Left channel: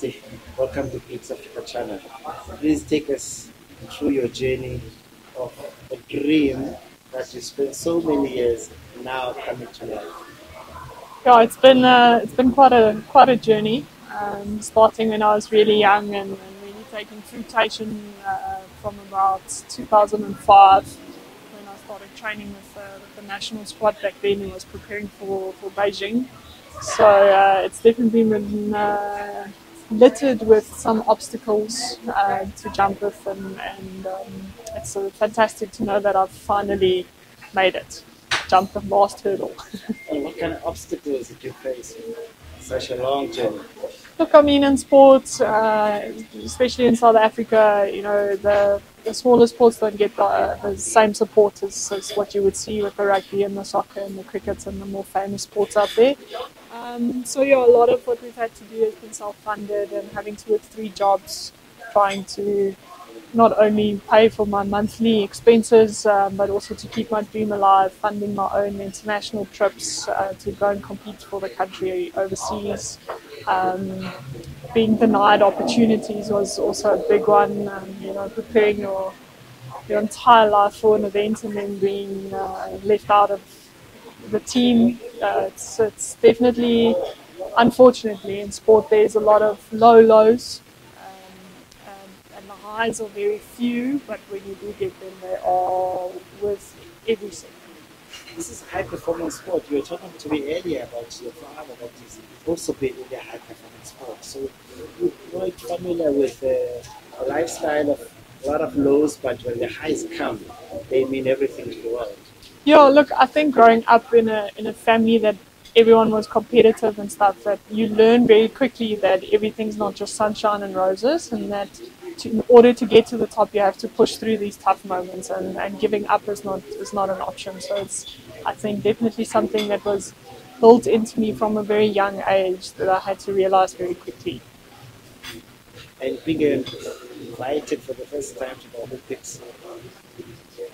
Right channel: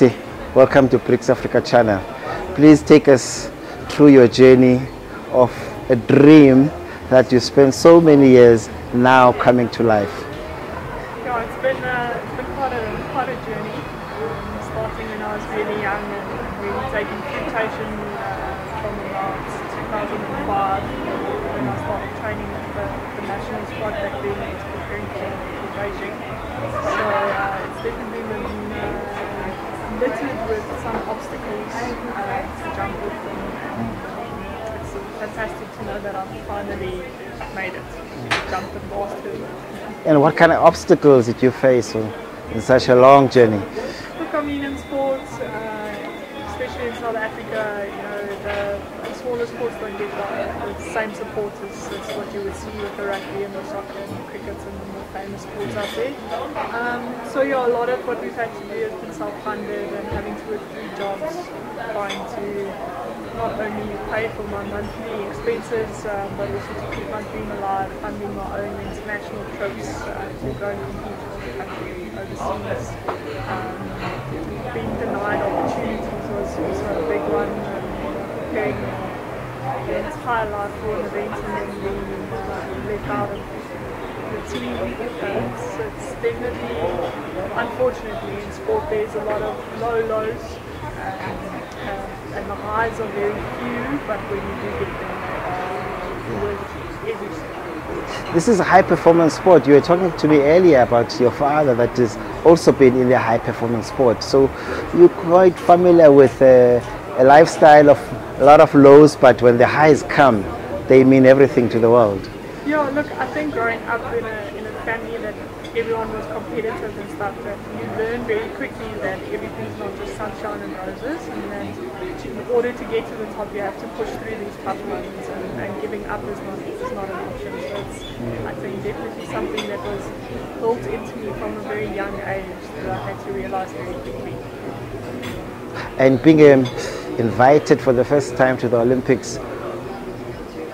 Esti, welcome to BRICS Africa channel. Please take us through your journey of a dream that you spent so many years now coming to life. Yeah, it's been quite a journey. Starting when I was really young and really taking fruitation from about 2005 when I started training with the national squad back then. I was preparing for Beijing. So it's definitely been littered with some obstacles to jump with, and it's fantastic to know that I've finally made it, jumped the last hurdle. And what kind of obstacles did you face in such a long journey? Look, I mean, in sports, especially in South Africa, you know, the smaller sports don't get the same support as what you would see with the rugby and the soccer and the cricket and the more famous sports out there. So yeah, a lot of what we've had to do has been self-funded and having to work 3 jobs, trying to not only pay for my monthly expenses, but also to keep my dream alive, funding my own international trips to go and compete for the country overseas. Being denied opportunities was also a big one. You know, preparing your entire life for an event and then being left out of the team. So it's definitely, unfortunately, in sport there's a lot of lows. And the highs are very few, but when you do get them, they are worth every second. This is a high-performance sport. You were talking to me earlier about your father that has also been in the high-performance sport. So you're quite familiar with a lifestyle of a lot of lows, but when the highs come, they mean everything to the world. Yeah, look, I think growing up in a family that everyone was competitive and stuff, that you learn very quickly that everything's not just sunshine and roses, and that in order to get to the top you have to push through these tough moments, and giving up is not an option. So it's, I think, definitely something that was built into me from a very young age that I had to realize very quickly. And being invited for the first time to the Olympics,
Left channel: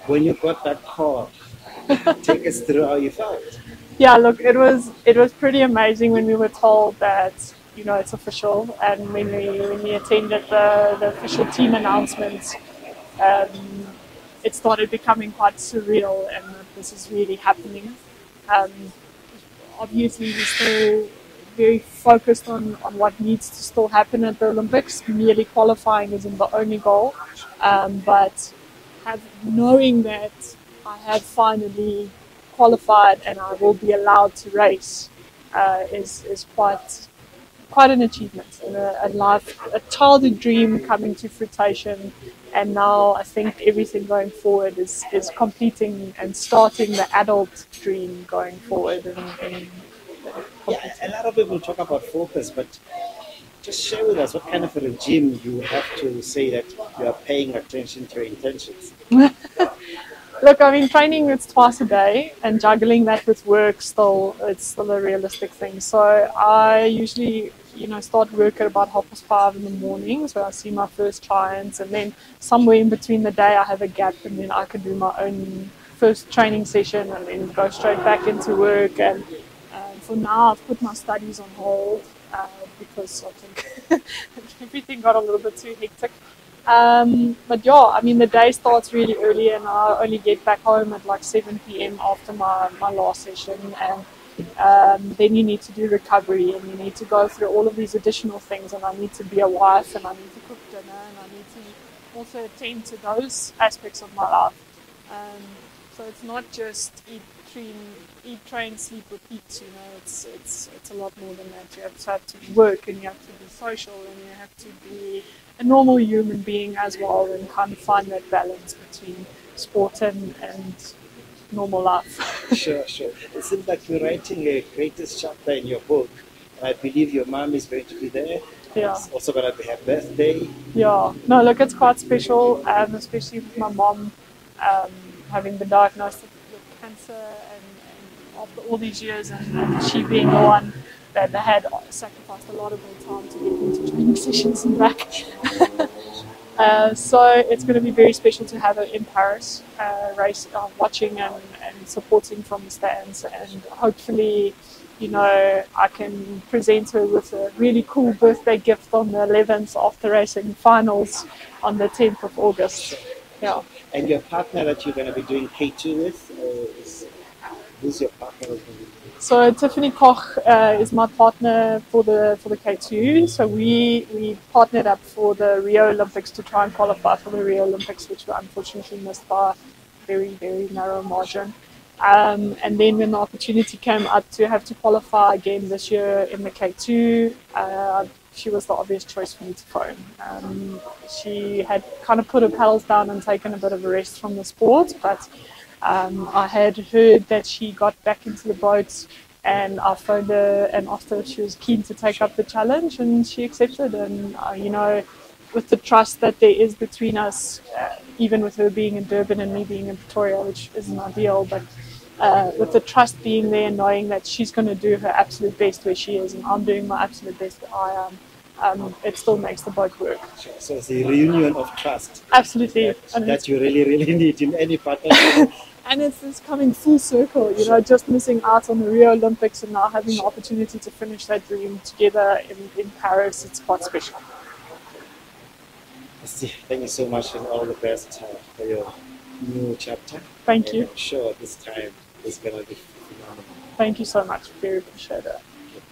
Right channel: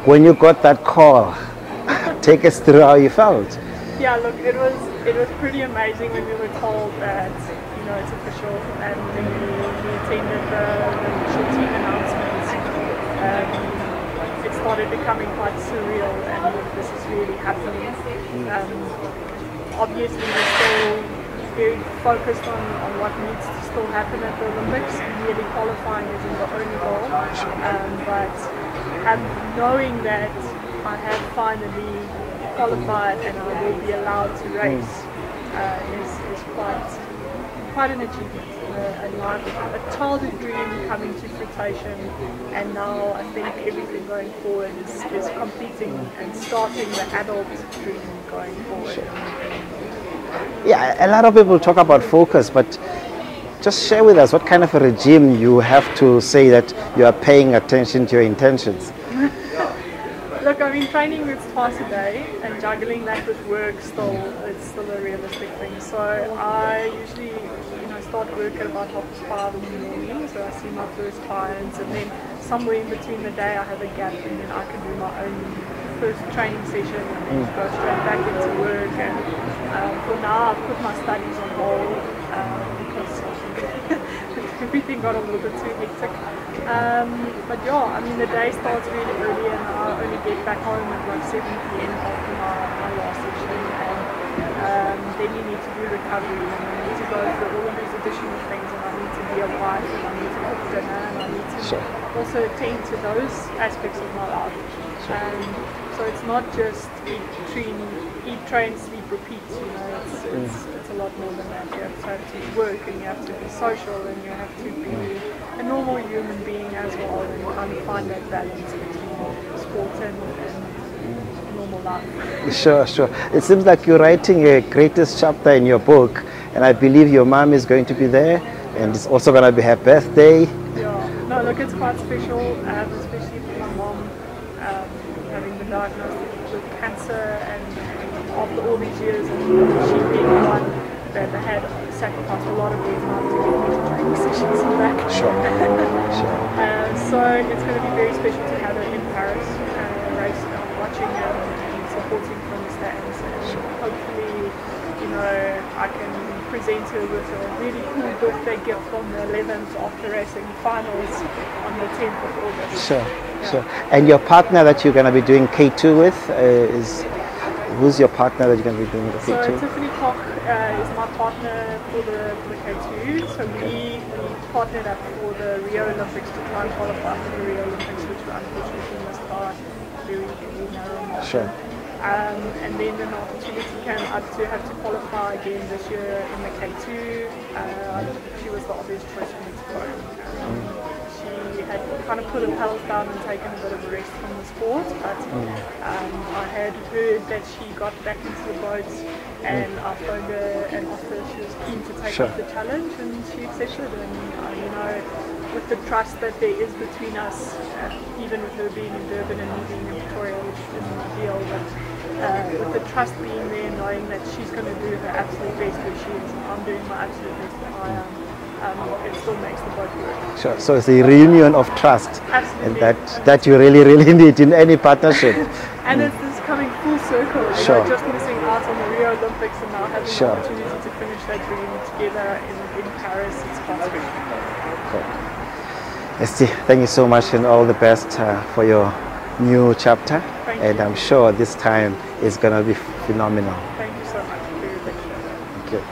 when you got that call, take us through how you felt. Yeah, look, it was pretty amazing when we were told that, you know, it's official, and when we attended the official team announcements, it started becoming quite surreal, and this is really happening. Obviously, we're still very focused on what needs to still happen at the Olympics. Merely qualifying isn't the only goal, but knowing that I have finally qualified and I will be allowed to race is quite an achievement. You know, a childhood dream coming to fruition, and now I think everything going forward is completing and starting the adult dream going forward. Yeah, a lot of people talk about focus, but just share with us what kind of a regime you have to say that you are paying attention to your intentions. Look, I mean, training it's twice a day, and juggling that with work it's still a realistic thing. So I usually, you know, start work at about 5:30 in the morning. So I see my first clients, and then somewhere in between the day I have a gap, and then I can do my own first training session, and then go straight back into work. And for now, I've put my studies on hold because everything got a little bit too hectic. But yeah, I mean, the day starts really early, and I only get back home at like 7 p.m. after my last session, and then you need to do recovery, and you need to go through all of these additional things, and I need to be a wife, and I need to cook dinner, and I need to also attend to those aspects of my life. So it's not just eat, train, sleep, repeat. You know, it's a lot more than that. You have to work, and you have to be social, and you have to be a normal human being as well, and kind of find that balance between sport and normal life. Sure. It seems like you're writing a greatest chapter in your book, and I believe your mom is going to be there, and it's also going to be her birthday. Yeah, no, look, it's quite special, especially with my mom having the diagnosis with cancer, and after all these years, and she being the one that they had sacrificed a lot of their time to get me to training sessions and back. Sure. So it's going to be very special to have it in Paris, race, watching and supporting from the stands, and hopefully you know, I can present her with a really cool birthday gift on the 11th after racing finals on the 10th of August. Sure, Yeah. sure. And your partner that you're going to be doing K2 with who's your partner that you're going to be doing the K2? So Tiffany Koch is my partner for the K2. So we partnered up for the Rio Olympics to try and qualify for the Rio Olympics, which we unfortunately missed by a very, very narrow margin. Sure. And then when the opportunity came up to have to qualify again this year in the K2, she was the obvious choice for me to phone. She had kind of put her pedals down and taken a bit of a rest from the sport, but I had heard that she got back into the boat, and I phoned her and asked her if she was keen to take up the challenge, and she accepted. And you know, with the trust that there is between us, even with her being in Durban and me being in Pretoria, which isn't ideal, but with the trust being there, knowing that she's going to do her absolute best where she is, and I'm doing my absolute best where I am, it still makes the boat work. Sure. So it's a reunion of trust. Absolutely. And that you really, really need in any partnership. And it's coming full circle. You know, just missing out on the Rio Olympics and now having the opportunity to finish that dream together in Paris. It's quite special. Cool. Esti, thank you so much and all the best for your new chapter. Thank you. And I'm sure this time is going to be phenomenal. Thank you so much. Very big shout out. Thank you.